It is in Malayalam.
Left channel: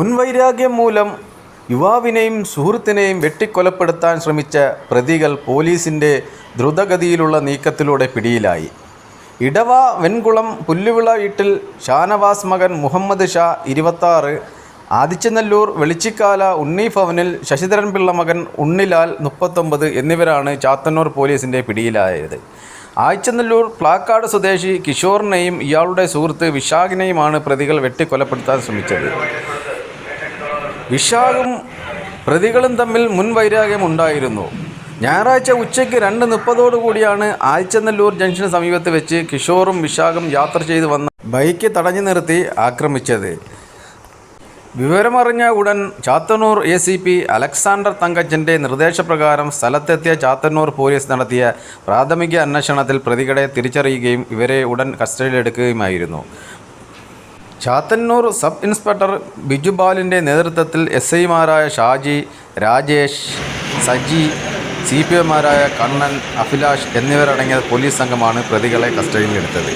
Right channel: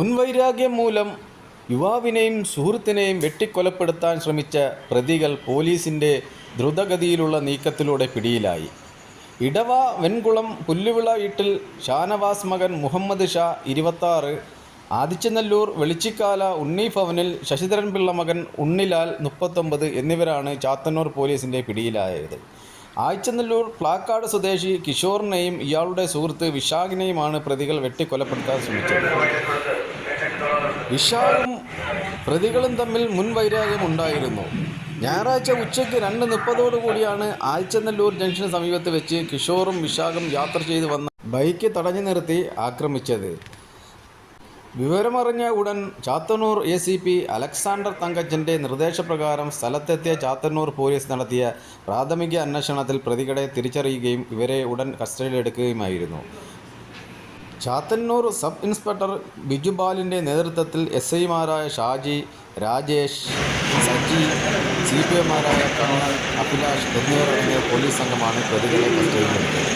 മുൻവൈരാഗ്യം മൂലം യുവാവിനെയും സുഹൃത്തിനെയും വെട്ടിക്കൊലപ്പെടുത്താൻ ശ്രമിച്ച പ്രതികൾ പോലീസിന്റെ ദ്രുതഗതിയിലുള്ള നീക്കത്തിലൂടെ പിടിയിലായി. ഇടവ വെൺകുളം പുല്ലുവിള വീട്ടിൽ ഷാനവാസ് മകൻ മുഹമ്മദ് ഷാ ഇരുപത്താറ് ആദിച്ചനല്ലൂർ വെളിച്ചിക്കാല ഉണ്ണി ഭവനിൽ ശശിധരൻ പിള്ള മകൻ ഉണ്ണിലാൽ മുപ്പത്തൊമ്പത് എന്നിവരാണ് ചാത്തന്നൂർ പോലീസിന്റെ പിടിയിലായത്. ആഴ്ചനല്ലൂർ പ്ലാക്കാട് സ്വദേശി കിഷോറിനെയും ഇയാളുടെ സുഹൃത്ത് വിശാഖിനെയുമാണ് പ്രതികൾ വെട്ടിക്കൊലപ്പെടുത്താൻ ശ്രമിച്ചത്. വിശാഖും പ്രതികളും തമ്മിൽ മുൻവൈരാഗ്യമുണ്ടായിരുന്നു ഞായറാഴ്ച ഉച്ചയ്ക്ക് രണ്ട് മുപ്പതോടുകൂടിയാണ് ആഴ്ചനല്ലൂർ ജംഗ്ഷന് സമീപത്ത് വെച്ച് കിഷോറും വിശാഖും യാത്ര ചെയ്തു വന്ന ബൈക്ക് തടഞ്ഞു നിർത്തി ആക്രമിച്ചത്. വിവരമറിഞ്ഞ ഉടൻ Chathannur A C P Alexander തങ്കച്ചന്റെ നിർദ്ദേശപ്രകാരം സ്ഥലത്തെത്തിയ ചാത്തന്നൂർ പോലീസ് നടത്തിയ പ്രാഥമിക അന്വേഷണത്തിൽ പ്രതികളെ തിരിച്ചറിയുകയും ഇവരെ ഉടൻ കസ്റ്റഡിയിലെടുക്കുകയുമായിരുന്നു. ചാത്തന്നൂർ സബ് ഇൻസ്പെക്ടർ ബിജുബാലിന്റെ നേതൃത്വത്തിൽ എസ് ഐമാരായ ഷാജി രാജേഷ് സജി സി പി എമാരായ കണ്ണൻ അഭിലാഷ് എന്നിവരടങ്ങിയ പോലീസ് സംഘമാണ് പ്രതികളെ കസ്റ്റഡിയിലെടുത്തത്.